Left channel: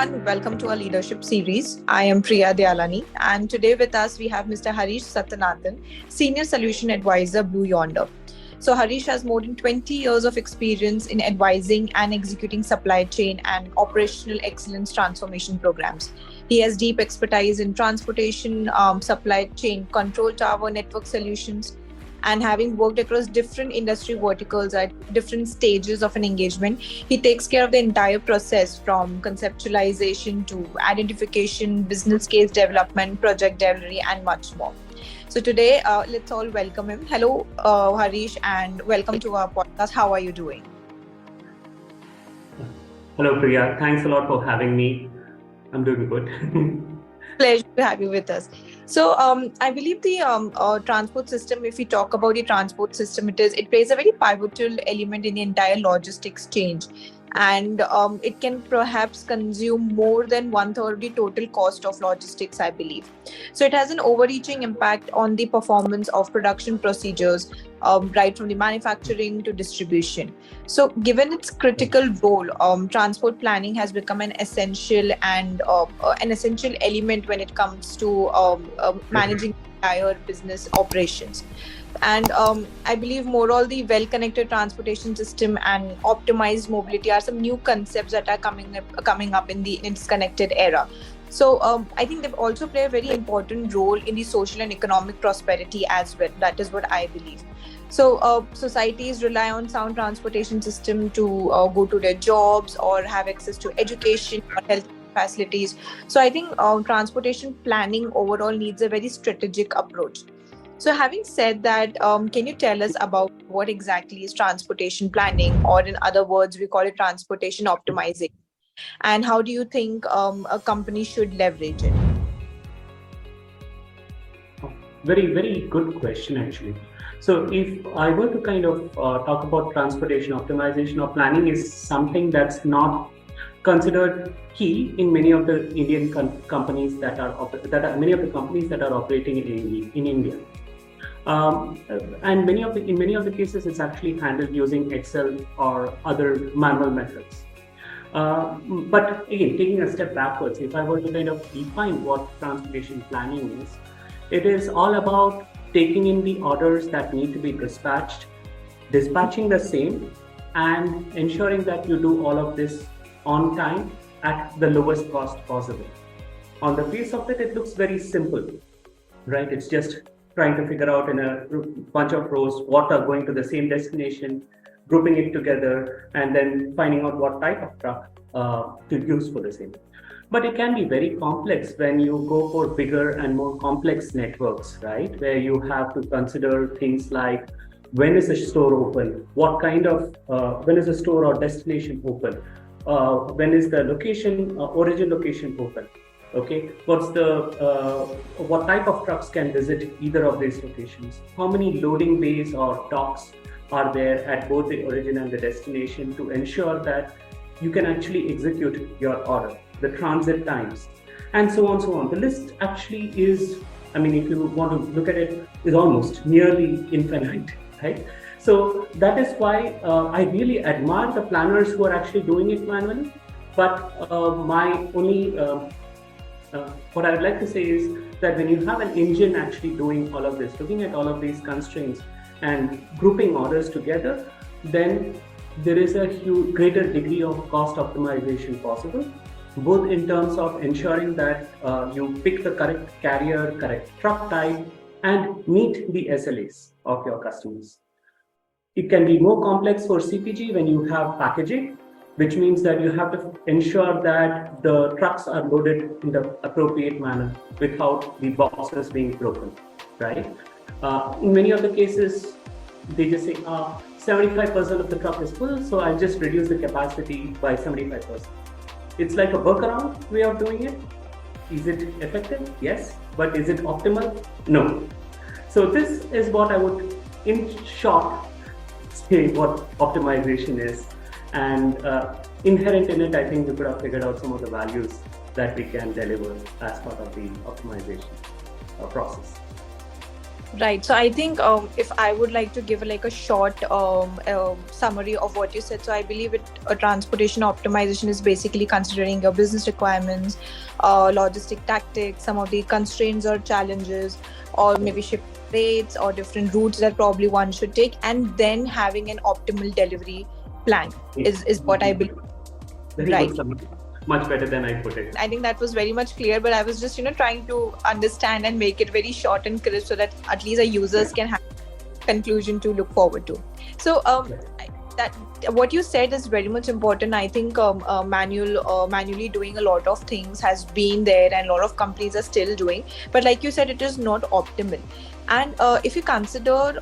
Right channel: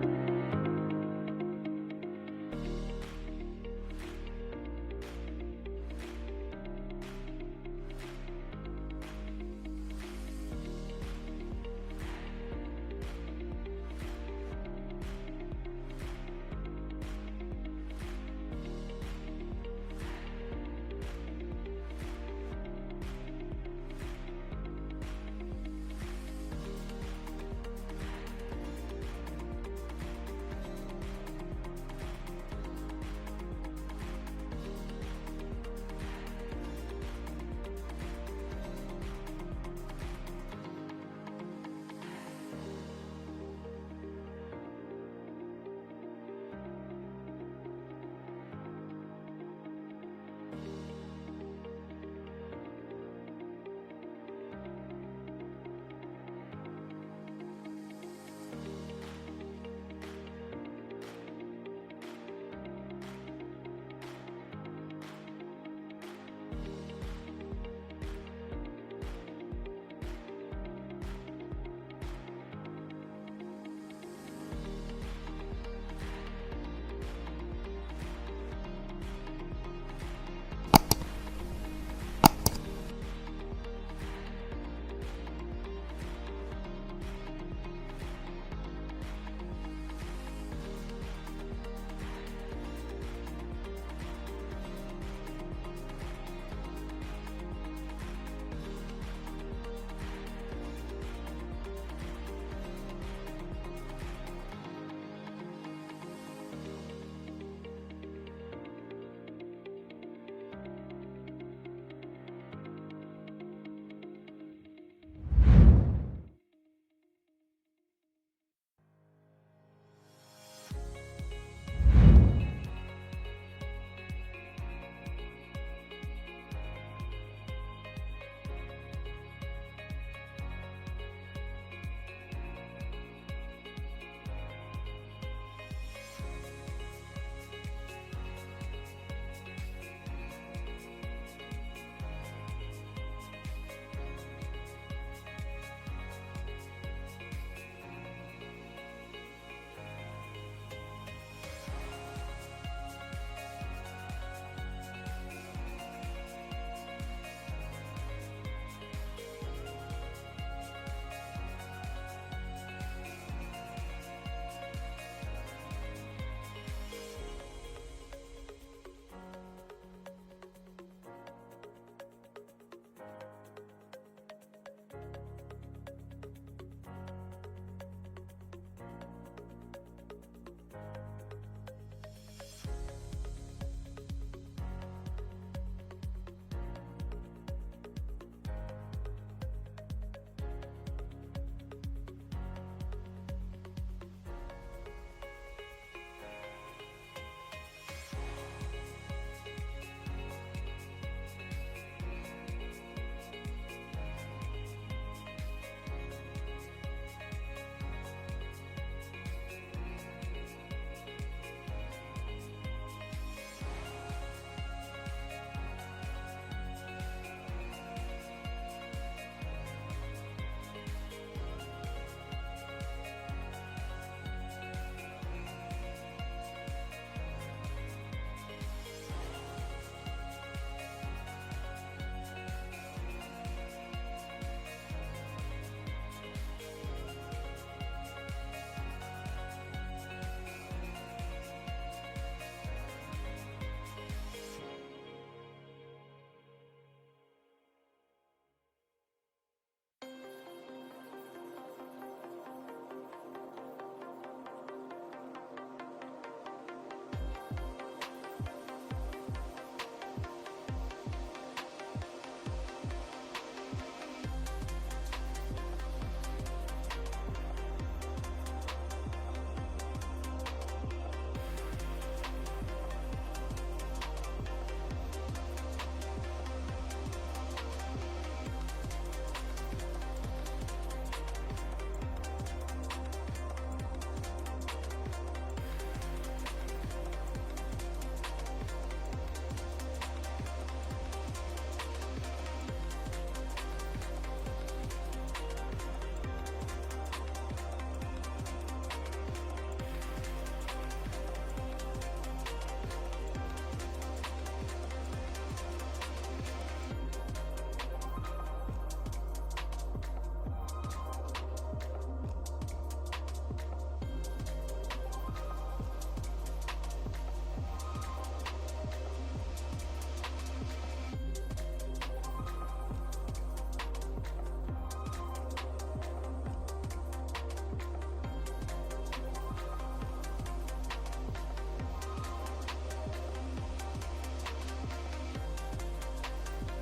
everyone, welcome to our leadership series. I am Priya Dialani, and today with us we have Mr. Harish Sattanathan, Senior Solution Advisor, Yonder. So Harish has more than 20 years of experience in advising and executing supply chain and operational excellence transformation programs. He has deep expertise in transportation, supply chain control tower network solutions, and having worked across different industry verticals at different stages of an engagement, he takes care of the entire process from conceptualization to identification, business case development, project delivery, and much more. So today, let's all welcome him. Hello, Harish, and welcome to our podcast. How are you doing? Hello, Priya. Thanks a lot for having me. I'm doing good. Pleasure to have you with us. So I believe the transport system, if we talk about the transport system, it plays a very pivotal element in the entire logistics change. And it can perhaps consume more than 1/3 of the total cost of logistics, I believe. So it has an overreaching impact on the performance of production procedures, right from the manufacturing to distribution. So given its critical role, transport planning has become an essential element when it comes to managing entire business operations. And I believe moreover, the well-connected transportation system and optimized mobility are some new concepts that are coming up in its connected era. So I think they also play a very important role in the social and economic prosperity as well. That is what I believe. So societies rely on sound transportation system to go to their jobs or have access to education or health facilities. So I think transportation planning overall needs a very strategic approach. So having said that, can you tell us about what exactly is transportation planning, or in other words, we call it transportation optimization, and how do you think a company should leverage it? Very, very good question, actually. So if I were to kind of talk about transportation optimization or planning, is something that's not considered key in many of the Indian companies many of the companies that are operating in India. And in many of the cases, it's actually handled using Excel or other manual methods. But again, taking a step backwards, if I were to kind of define what transportation planning is, it is all about taking in the orders that need to be dispatching the same, and ensuring that you do all of this on time at the lowest cost possible. On the face of it, it looks very simple, right? It's just trying to figure out in a bunch of rows what are going to the same destination, grouping it together, and then finding out what type of truck to use for the same. But it can be very complex when you go for bigger and more complex networks, right? Where you have to consider things like, when is the store open? What kind of, when is the store or destination open? When is the origin location open? Okay, what type of trucks can visit either of these locations? How many loading bays or docks are there at both the origin and the destination to ensure that you can actually execute your order, the transit times, and so on. The list actually is, I mean, if you want to look at it, is almost nearly infinite, right? So that is why I really admire the planners who are actually doing it manually. But what I would like to say is that when you have an engine actually doing all of this, looking at all of these constraints and grouping orders together, then there is a greater degree of cost optimization possible, both in terms of ensuring that you pick the correct carrier, correct truck type, and meet the SLAs of your customers. It can be more complex for CPG when you have packaging, which means that you have to ensure that the trucks are loaded in the appropriate manner without the boxes being broken, right? In many of the cases, they just say 75% of the truck is full, so I'll just reduce the capacity by 75%. It's like a workaround way of doing it. Is it effective? Yes. But is it optimal? No. So this is what I would, in short, say what optimization is. And inherent in it, I think we could have figured out some of the values that we can deliver as part of the optimization process. Right. So I think if I would like to give like a short summary of what you said, so I believe transportation optimization is basically considering your business requirements, logistic tactics, some of the constraints or challenges, or maybe shift rates or different routes that probably one should take, and then having an optimal delivery plan is what I believe. Very good Right. summary. Much better than I put it. I think that was very much clear, but I was just trying to understand and make it very short and crisp so that at least our users can have conclusion to look forward to. So that what you said is very much important. I think manually doing a lot of things has been there, and a lot of companies are still doing. But like you said, it is not optimal. And if you consider,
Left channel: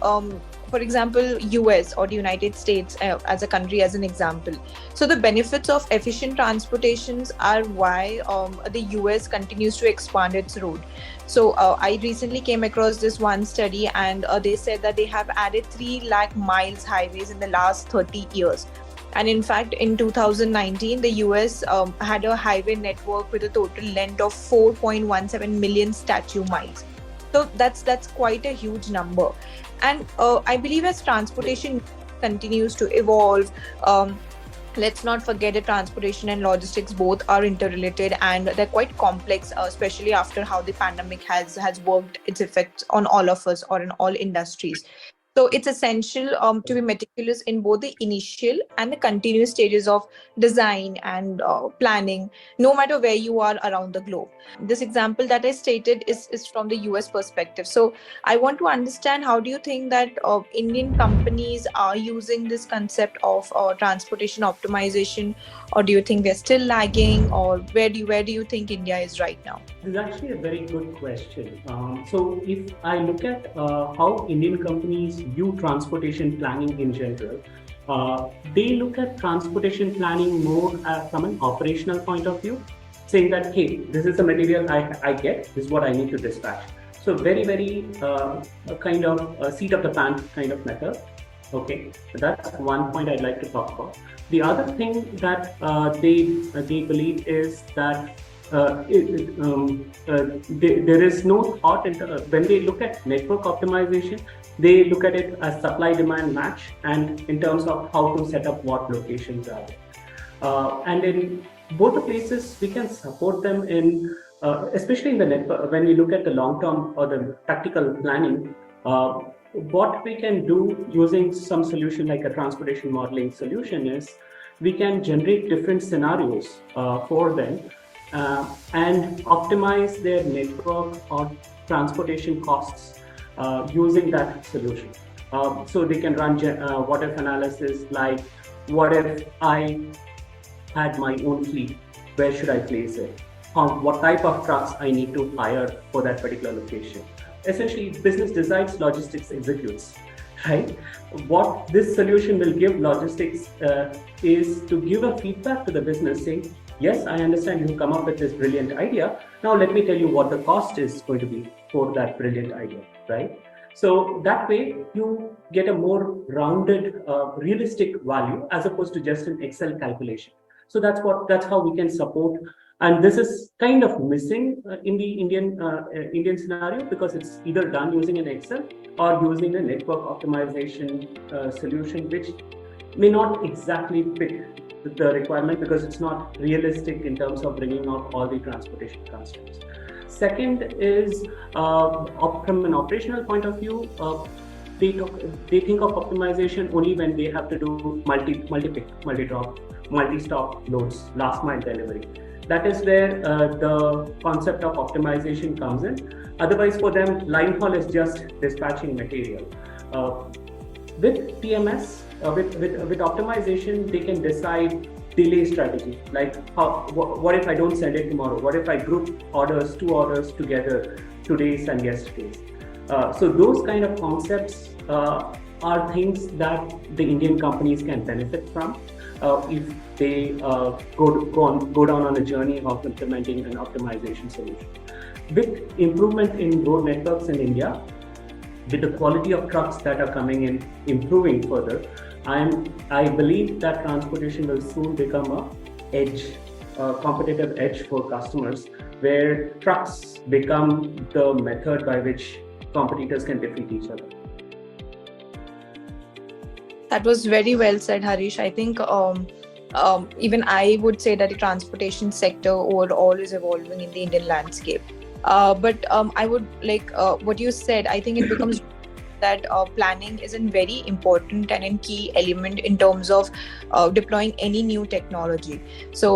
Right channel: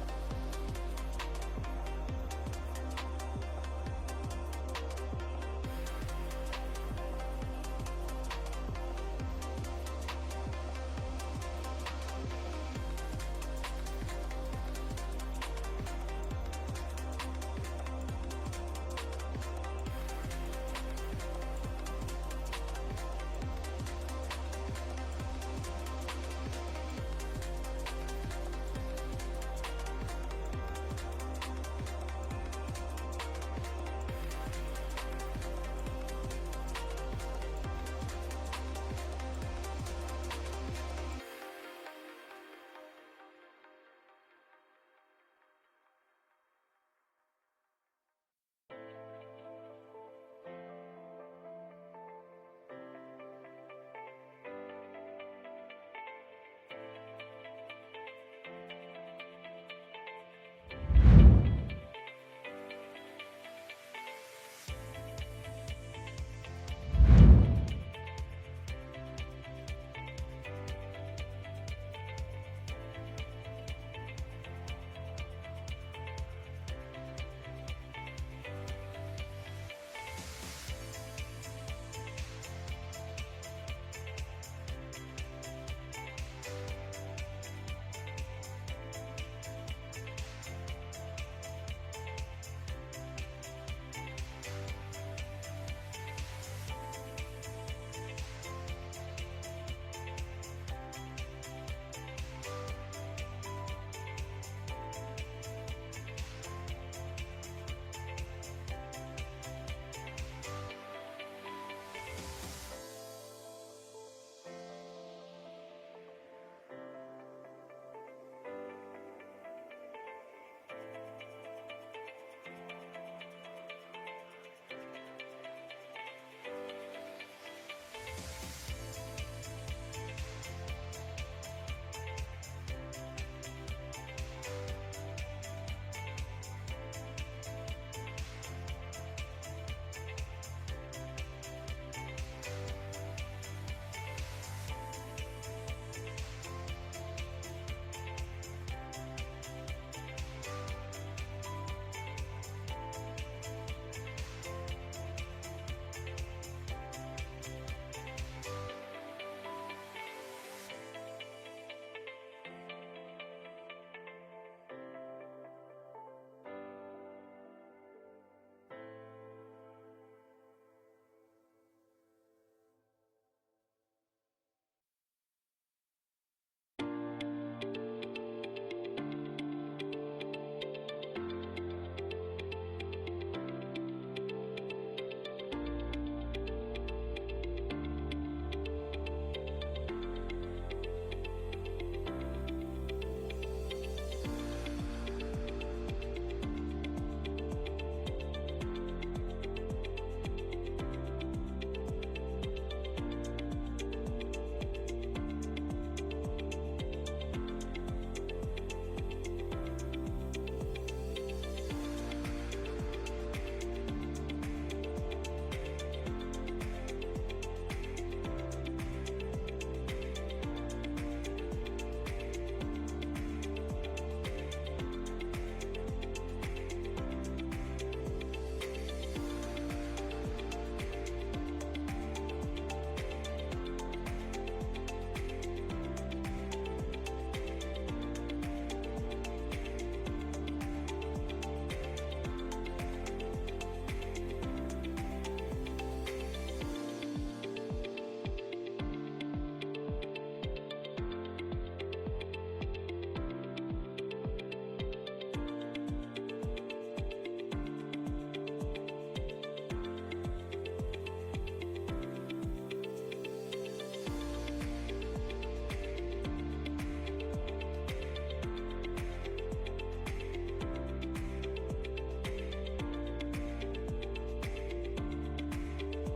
for example, US or the United States as a country, as an example, so the benefits of efficient transportations are why the US continues to expand its road. So I recently came across this one study, and they said that they have added 3 lakh miles highways in the last 30 years. And in fact, in 2019, the US had a highway network with a total length of 4.17 million statute miles. So that's quite a huge number. And I believe as transportation continues to evolve, let's not forget that transportation and logistics both are interrelated, and they're quite complex, especially after how the pandemic has worked its effects on all of us or in all industries. So it's essential to be meticulous in both the initial and the continuous stages of design and planning, no matter where you are around the globe. This example that I stated is from the US perspective. So I want to understand, how do you think that Indian companies are using this concept of transportation optimization, or do you think they're still lagging, or where do you think India is right now? This is actually a very good question. So, if I look at how Indian companies view transportation planning in general, they look at transportation planning more from an operational point of view, saying that, hey, this is the material I get, this is what I need to dispatch. So, very, very kind of seat of the pants kind of method. Okay, so that's one point I'd like to talk about. The other thing that they believe is that there is no thought when they look at network optimization. They look at it as supply demand match, and in terms of how to set up what locations are. And in both the places, we can support them in, especially in the network. When we look at the long term or the tactical planning, what we can do using some solution like a transportation modeling solution is we can generate different scenarios for them and optimize their network or transportation costs using that solution. So they can run what if analysis, like what if I had my own fleet, where should I place it? What type of trucks I need to hire for that particular location. Essentially, business decides, logistics executes, right? What this solution will give logistics is to give a feedback to the business saying, yes, I understand you come up with this brilliant idea. Now let me tell you what the cost is going to be for that brilliant idea, right? So that way you get a more rounded, realistic value as opposed to just an Excel calculation. So that's how we can support. And this is kind of missing in the Indian scenario, because it's either done using an Excel or using a network optimization solution, which may not exactly fit the requirement because it's not realistic in terms of bringing out all the transportation constraints. Second is from an operational point of view, they think of optimization only when they have to do multi-stop loads, last mile delivery. That is where the concept of optimization comes in. Otherwise, for them, line haul is just dispatching material. With TMS, with optimization, they can decide delay strategy. Like, what if I don't send it tomorrow? What if I group two orders together, today's and yesterday's? So those kind of concepts are things that the Indian companies can benefit from if they go down on a journey of implementing an optimization solution. With improvement in road networks in India, with the quality of trucks that are coming in improving further, I believe that transportation will soon become a competitive edge for customers, where trucks become the method by which competitors can defeat each other. That was very well said, Harish. I think even I would say that the transportation sector overall is evolving in the Indian landscape. But I would like what you said. I think it becomes that planning is a very important and a key element in terms of deploying any new technology. So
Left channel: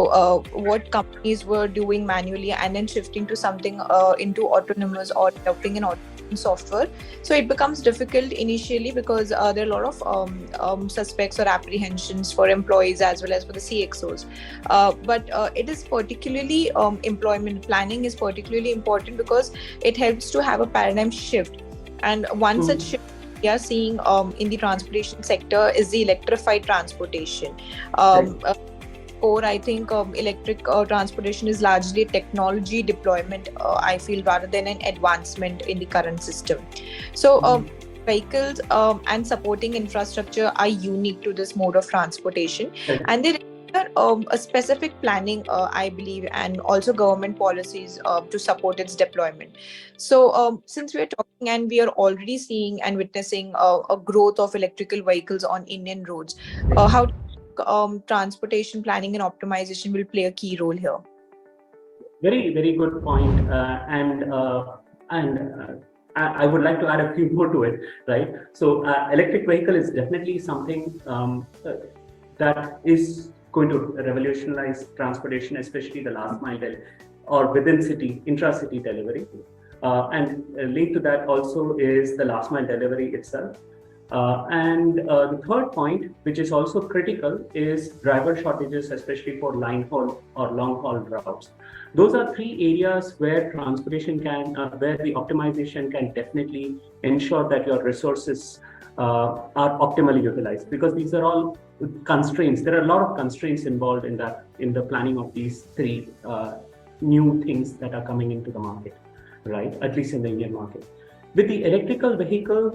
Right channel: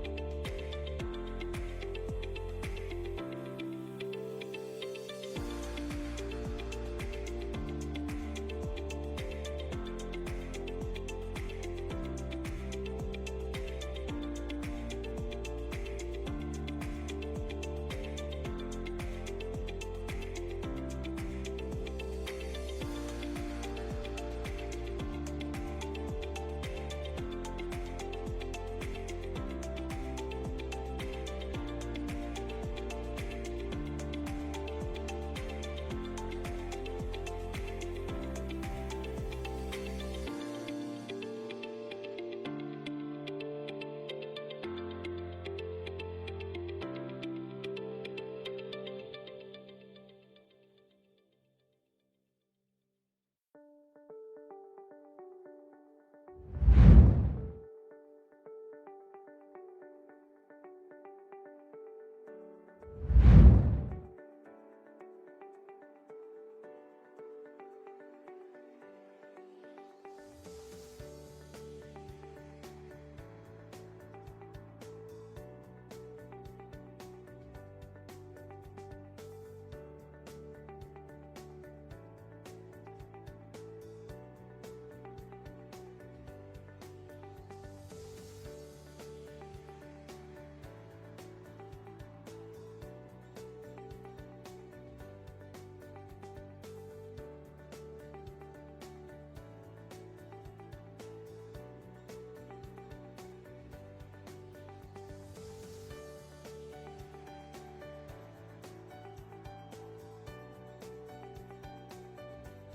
what companies were doing manually and then shifting to something into autonomous or developing an automation software, so it becomes difficult initially because there are a lot of suspects or apprehensions for employees as well as for the CXOs. But it is particularly employment planning is particularly important because it helps to have a paradigm shift. And one such shift we are seeing in the transportation sector is the electrified transportation. Or I think electric transportation is largely technology deployment, I feel, rather than an advancement in the current system. So vehicles and supporting infrastructure are unique to this mode of transportation, and they require a specific planning, I believe, and also government policies to support its deployment. So since we are talking and we are already seeing and witnessing a growth of electrical vehicles on Indian roads, how transportation planning and optimization will play a key role here? Very, very good point. I would like to add a few more to it, right? So electric vehicle is definitely something that is going to revolutionize transportation, especially the last mile or within city, intra-city delivery. And linked to that also is the last mile delivery itself. The third point, which is also critical, is driver shortages, especially for line haul or long haul routes. Those are three areas where transportation where the optimization can definitely ensure that your resources are optimally utilized, because these are all constraints. There are a lot of constraints involved in the planning of these three new things that are coming into the market, right? At least in the Indian market. With the electrical vehicle,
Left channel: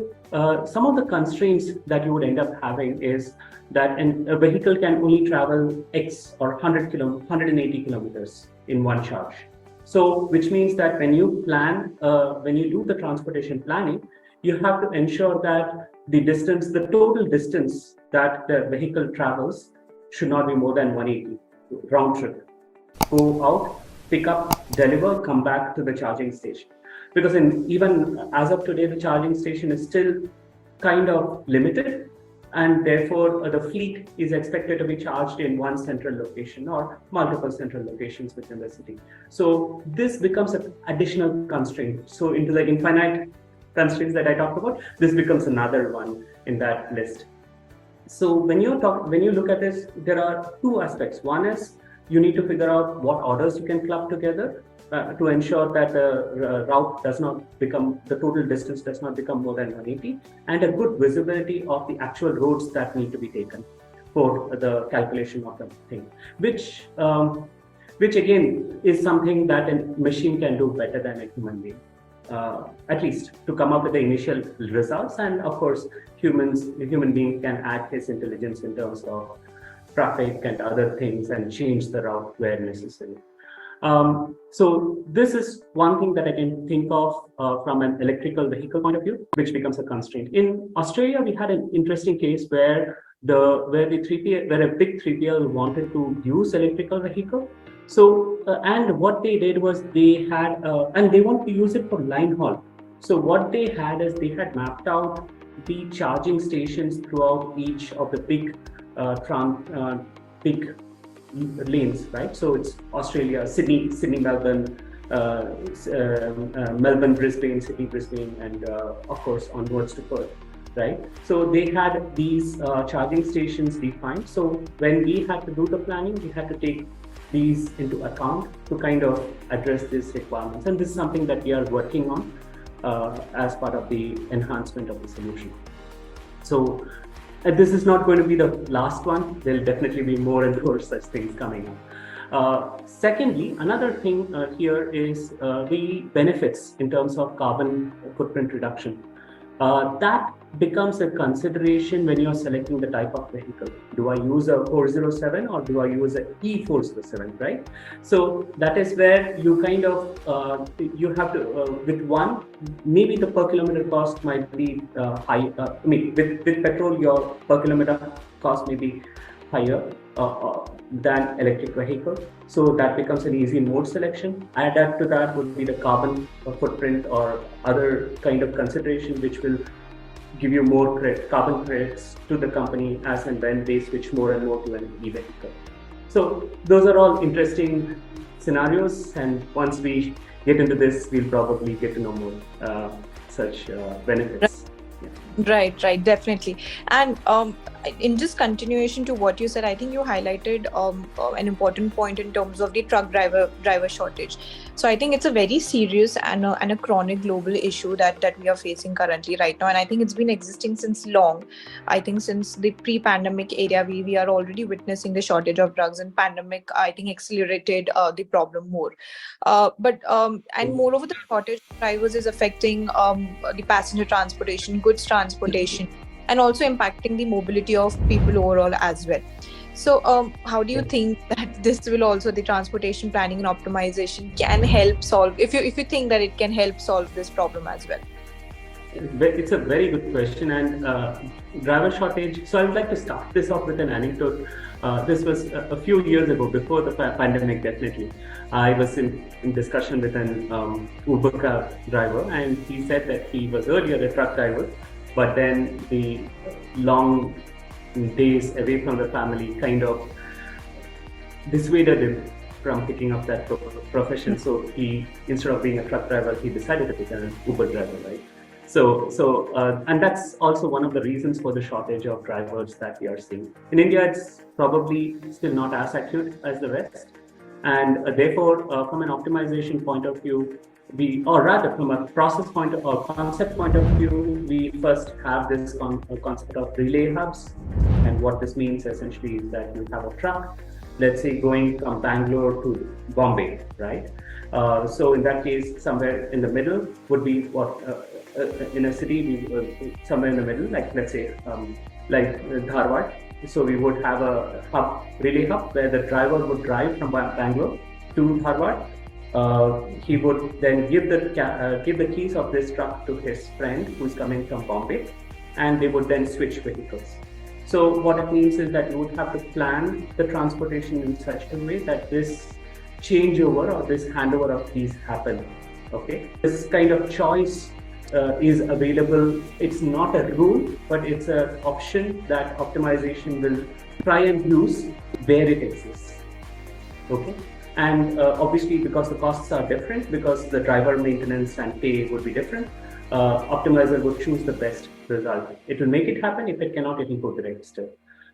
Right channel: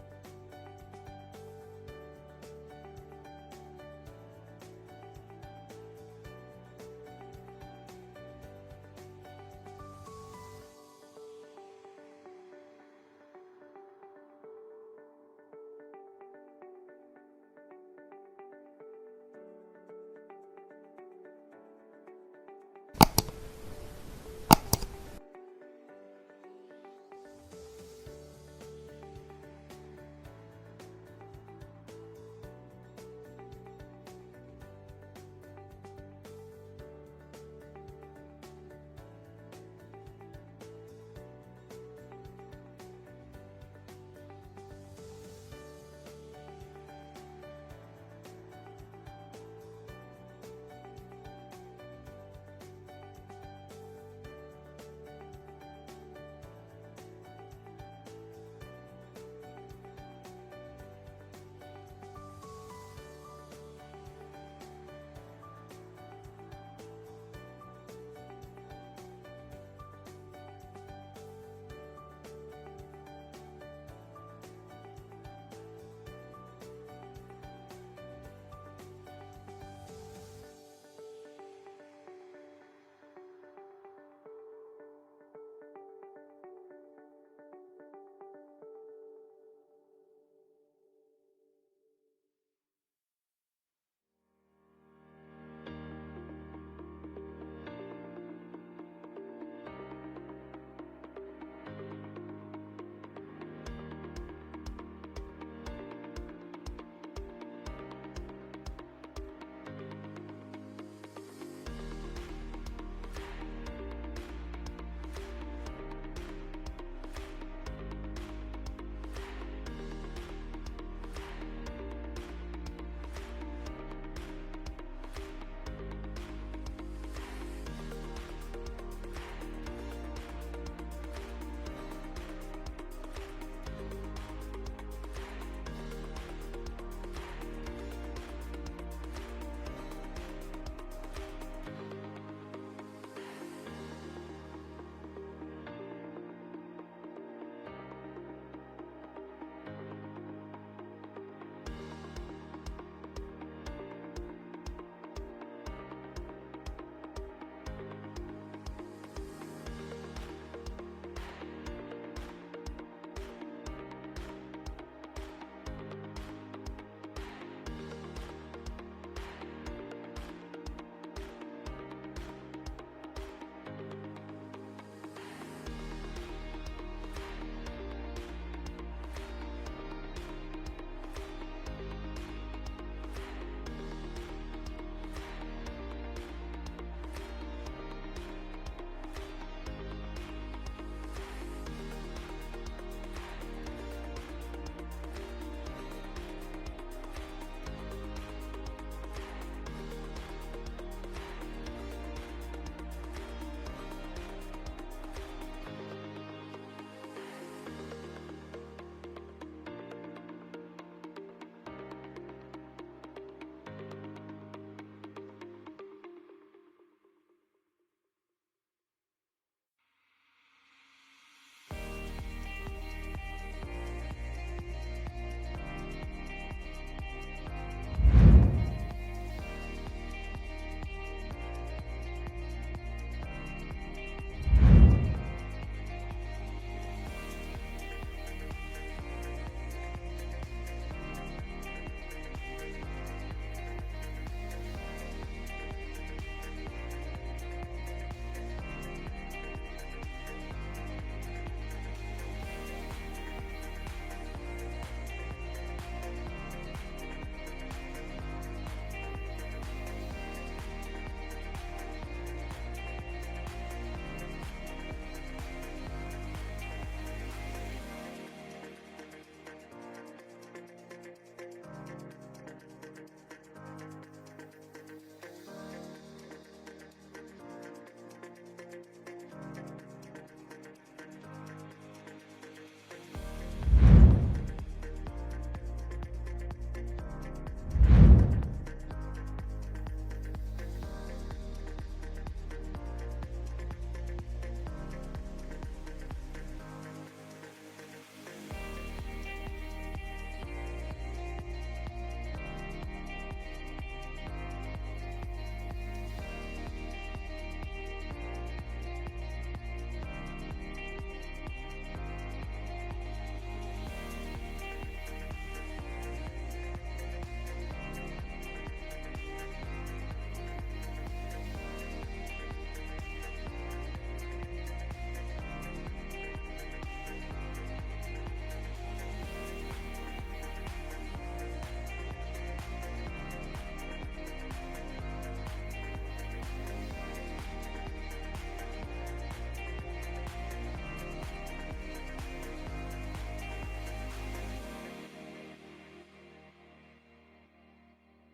some of the constraints that you would end up having is that a vehicle can only travel X or 180 kilometers in one charge. So, which means that when you plan, when you do the transportation planning, you have to ensure that the total distance that the vehicle travels should not be more than 180 round trip. Go out, pick up, deliver, come back to the charging station. Because even as of today, the charging station is still kind of limited, and therefore the fleet is expected to be charged in one central location or multiple central locations within the city. So this becomes an additional constraint. So into the infinite constraints that I talked about, this becomes another one in that list. So when you look at this, there are two aspects. One is you need to figure out what orders you can club together to ensure that the route does not become, the total distance does not become more than 180, and a good visibility of the actual roads that need to be taken for the calculation of the thing, which again is something that a machine can do better than a human being, at least to come up with the initial results. And of course, the human being can add his intelligence in terms of traffic and other things and change the route where necessary. So this is one thing that I can think of from an electrical vehicle point of view, which becomes a constraint. In Australia, we had an interesting case where a big 3PL wanted to use electrical vehicle. So and what they did was they had and they want to use it for line haul. So what they had is they had mapped out the charging stations throughout each of the big lanes, right? So it's Australia, Sydney, Melbourne, Melbourne, Brisbane, Sydney, Brisbane, and of course onwards to Perth, right? So they had these charging stations defined. So when we had to do the planning, we had to take these into account to kind of address these requirements. And this is something that we are working on as part of the enhancement of the solution. So this is not going to be the last one. There'll definitely be more and more such things coming up. Secondly, another thing here is the benefits in terms of carbon footprint reduction. That becomes a consideration when you're selecting the type of vehicle. Do I use a 407 or do I use a E407, right? So that is where you kind of, you have to, with one, maybe the per kilometer cost might be high. With petrol, your per kilometer cost may be higher than electric vehicle. So that becomes an easy mode selection. Add to that would be the carbon footprint or other kind of consideration, which will give you more carbon credits to the company as and when they switch more and more to an e-vehicle. So those are all interesting scenarios, and once we get into this, we'll probably get to know more such benefits. Right, definitely. And in just continuation to what you said, I think you highlighted an important point in terms of the truck driver shortage. So I think it's a very serious and a chronic global issue that we are facing currently right now, and I think it's been existing since long. I think since the pre-pandemic area, we are already witnessing the shortage of drugs, and pandemic I think accelerated the problem more. And moreover, the shortage of drivers is affecting the passenger transportation, goods transportation, and also impacting the mobility of people overall as well. So, how do you think that this will also, the transportation planning and optimization can help solve? If you think that it can help solve this problem as well. It's a very good question, and driver shortage. So I would like to start this off with an anecdote. This was a few years ago, before the pandemic. Definitely, I was in discussion with an Uber cab driver, and he said that he was earlier a truck driver, but then the long days away from the family kind of dissuaded him from picking up that profession. So he, instead of being a truck driver, he decided to become an Uber driver, right? And that's also one of the reasons for the shortage of drivers that we are seeing. In India, it's probably still not as acute as the West. And therefore, from an optimization point of view, or rather from a process point or concept point of view, we first have this concept of relay hubs. And what this means essentially is that you have a truck, let's say going from Bangalore to Bombay, right? So in that case, somewhere in the middle would be what, in a city, somewhere in the middle, like let's say, like Dharwad. So we would have a hub, relay hub, where the driver would drive from Bangalore to Dharwad. He would then give the keys of this truck to his friend who's coming from Bombay, and they would then switch vehicles. So what it means is that you would have to plan the transportation in such a way that this changeover or this handover of keys happen. Okay, this kind of choice is available. It's not a rule, but it's an option that optimization will try and use where it exists. Okay, and obviously because the costs are different, because the driver maintenance and pay would be different, optimizer would choose the best result. It will make it happen. If it cannot, it will go direct still.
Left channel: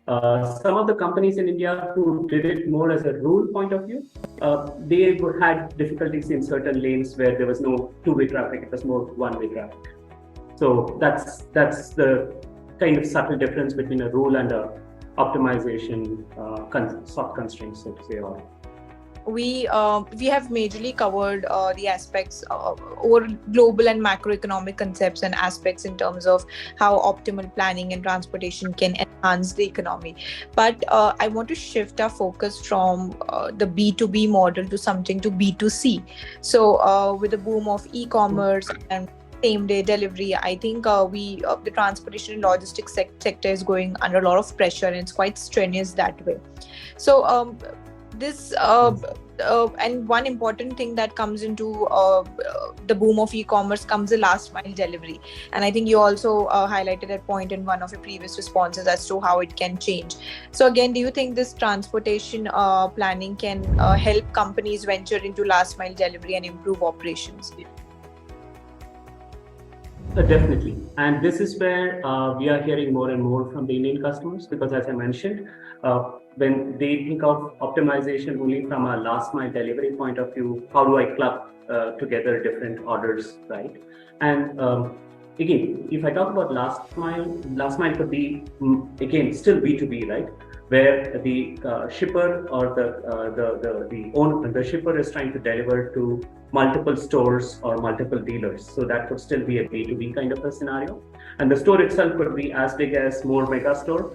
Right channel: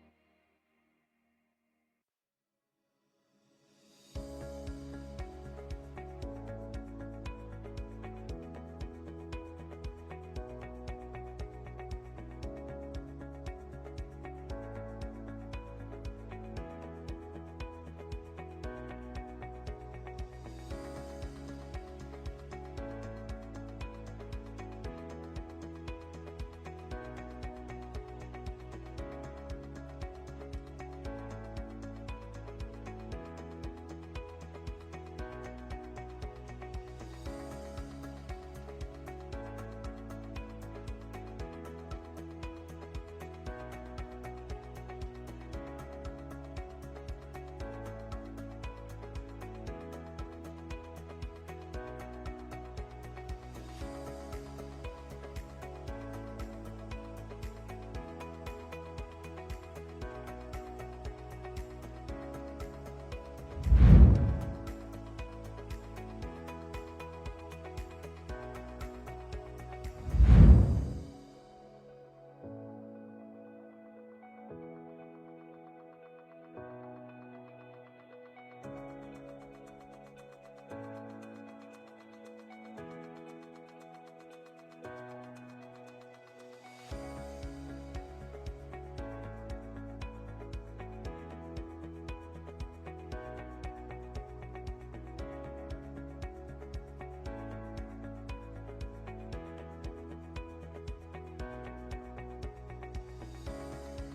Some of the companies in India who did it more as a rule point of view, they had difficulties in certain lanes where there was no two-way traffic, it was more one-way traffic. So that's the kind of subtle difference between a rule and a optimization soft constraints, so to say. We have majorly covered the aspects over global and macroeconomic concepts and aspects in terms of how optimal planning and transportation can enhance the economy. But I want to shift our focus from the B2B model to something to B2C. So with the boom of e-commerce and same-day delivery, I think the transportation and logistics sector is going under a lot of pressure, and it's quite strenuous that way. So and one important thing that comes into the boom of e-commerce comes the last mile delivery, and I think you also highlighted that point in one of your previous responses as to how it can change. So again, do you think this transportation planning can help companies venture into last mile delivery and improve operations? Definitely, and this is where we are hearing more and more from the Indian customers, because as I mentioned, when they think of optimization only from a last mile delivery point of view, how do I club together different orders, right? And again, if I talk about last mile could be again still B2B, right? Where the shipper or the shipper is trying to deliver to multiple stores or multiple dealers. So that could still be a B2B kind of a scenario. And the store itself could be as big as more mega store,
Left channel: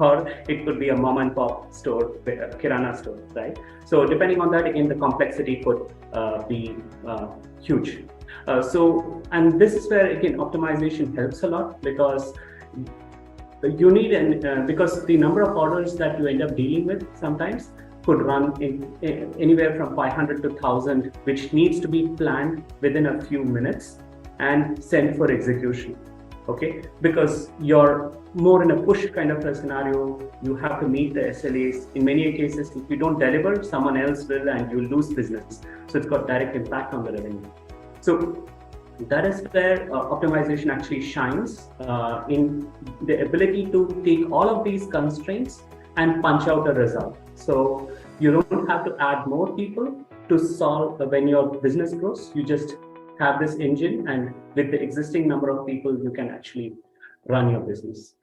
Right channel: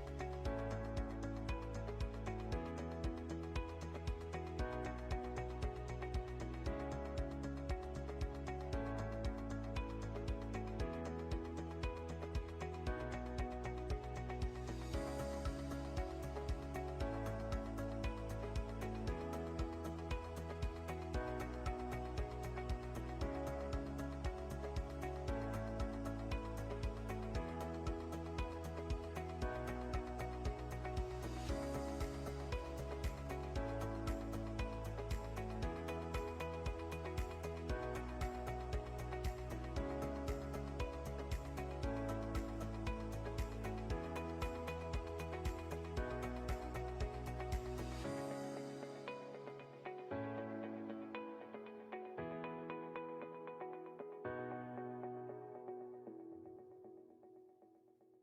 or it could be a mom and pop store, a kirana store, right? So depending on that, again, the complexity could be huge. And this is where, again, optimization helps a lot, because you need, because the number of orders that you end up dealing with sometimes could run in anywhere from 500 to 1000, which needs to be planned within a few minutes and sent for execution. Okay, because you're more in a push kind of a scenario. You have to meet the SLAs. In many cases, if you don't deliver, someone else will, and you lose business. So it's got direct impact on the revenue. So that is where optimization actually shines in the ability to take all of these constraints and punch out a result. So you don't have to add more people to solve when your business grows. You just have this engine, and with the existing number of people, you can actually run your business.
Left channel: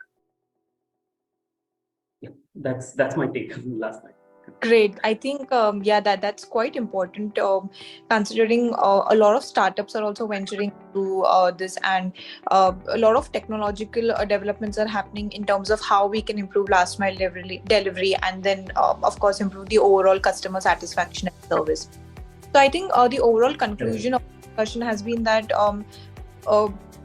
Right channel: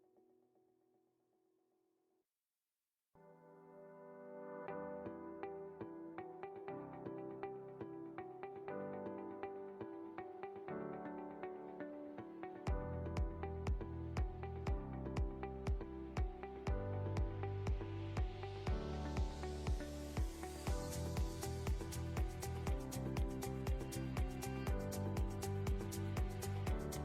Yeah, that's my take last night. Great. I think, that's quite important, considering a lot of startups are also venturing to this, and a lot of technological developments are happening in terms of how we can improve last mile delivery, and then, of course, improve the overall customer satisfaction and service. So I think the overall conclusion of the discussion has been that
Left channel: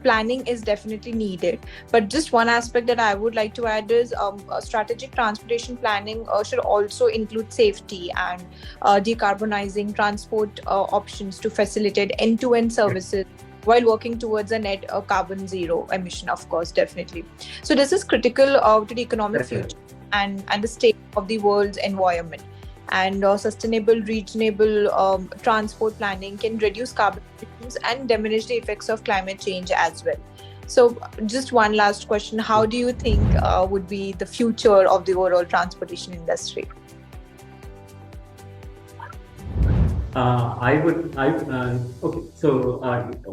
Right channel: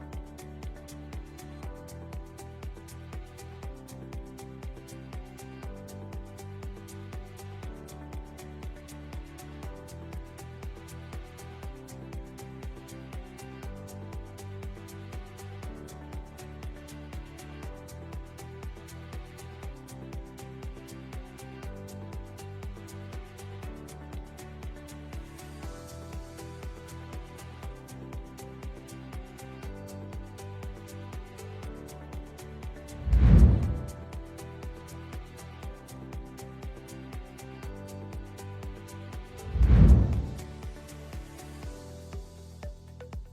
planning is definitely needed. But just one aspect that I would like to add is strategic transportation planning should also include safety and decarbonizing transport options to facilitate end-to-end services while working towards a net carbon zero emission, of course, definitely. So this is critical to the economic future and the state of the world's environment. And sustainable regional transport planning can reduce carbon emissions and diminish the effects of climate change as well. So just one last question: how do you think would be the future of the overall transportation industry? Okay. So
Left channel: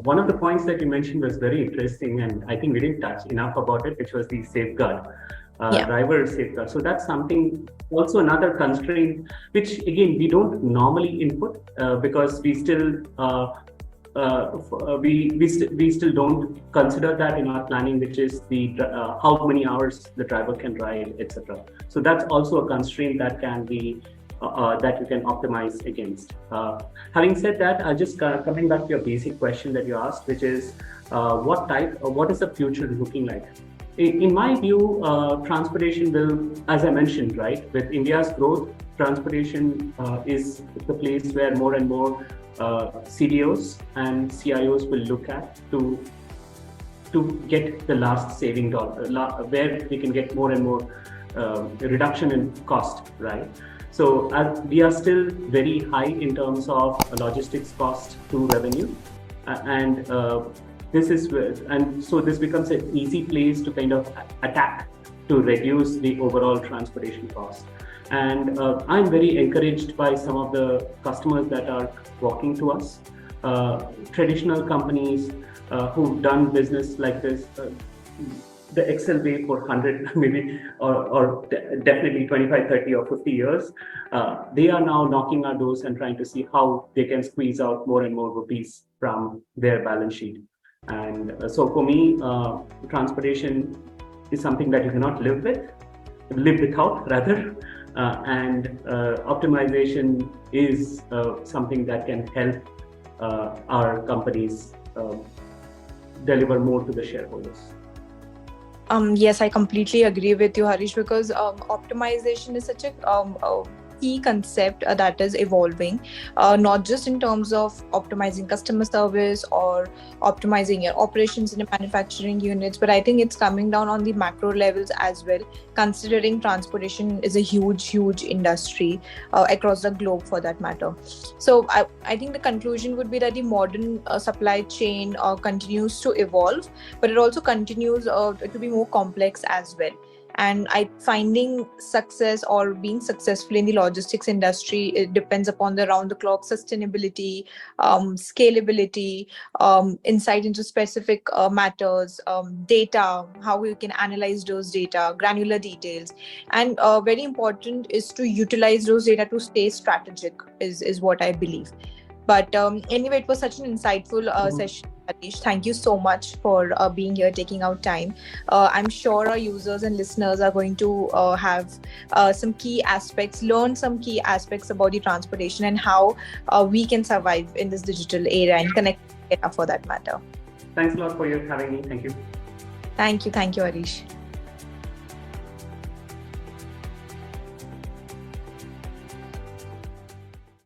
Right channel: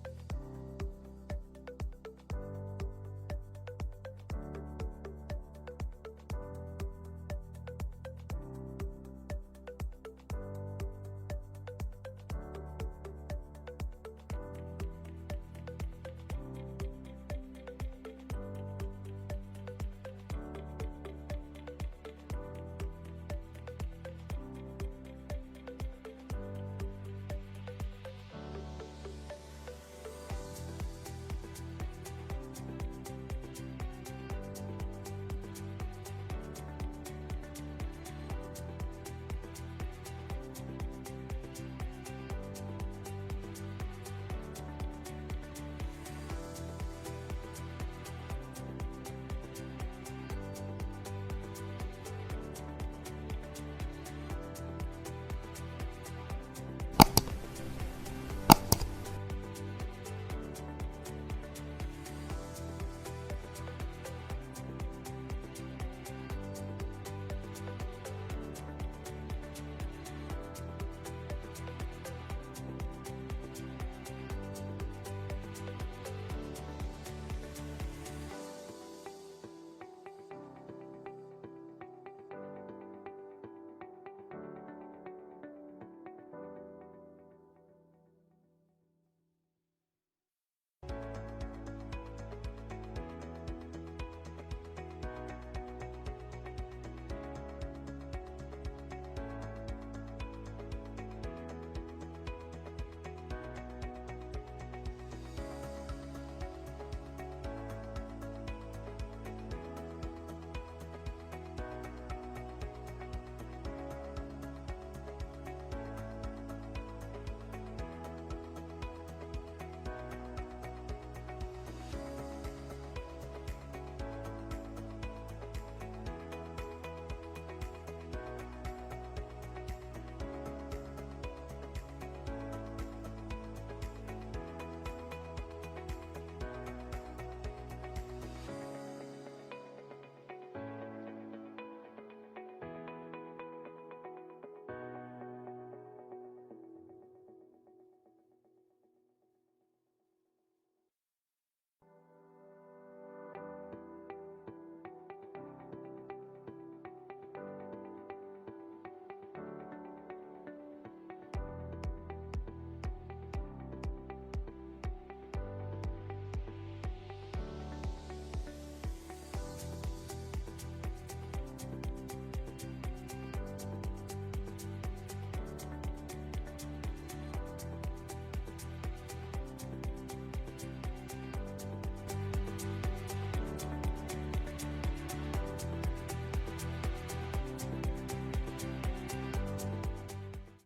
one of the points that you mentioned was very interesting, and I think we didn't touch enough about it, which was the safeguard. Driver safeguard. So that's something, also another constraint, which again we don't normally input because we still we still don't consider that in our planning, which is the how many hours the driver can ride, etc. So that's also a constraint that can be that you can optimize against. Having said that, just coming back to your basic question that you asked, which is what is the future looking like? In my view, transportation will, as I mentioned, right, with India's growth, transportation is the place where more and more CDOs and CIOs will look at to get the last saving dollar, where they can get more and more reduction in cost, right? So as we are still very high in terms of logistics cost to revenue, and so this becomes an easy place to kind of attack to reduce the overall transportation cost. And I'm very encouraged by some of the customers that are walking to us, traditional companies who've done business like this, the Excel way for 100 maybe, or definitely 25, 30 or 50 years. They are now knocking our doors and trying to see how they can squeeze out more and more rupees from their balance sheet. And so for me, transportation is something that you cannot live without rather. And optimization is something that can help our companies deliver more to the shareholders. Yes, I completely agree with you, Harish, because optimization is such a key concept that is evolving, not just in terms of optimizing customer service or optimizing your operations in the manufacturing units, but I think it's coming down on the macro levels as well, considering transportation is a huge industry across the globe for that matter. So I think the conclusion would be that the modern supply chain continues to evolve, but it also continues to be more complex as well. And finding success or being successful in the logistics industry, it depends upon the round-the-clock sustainability, scalability, insight into specific matters, data, how we can analyze those data, granular details, and very important is to utilize those data to stay strategic. Is what I believe. But anyway, it was such an insightful session, Harish. Thank you so much for being here, taking out time. I'm sure our users and listeners are going to have some key aspects, learn some key aspects about the transportation and how we can survive in this digital era and connect for that matter. Thanks a lot for having me. Thank you. Thank you, Harish.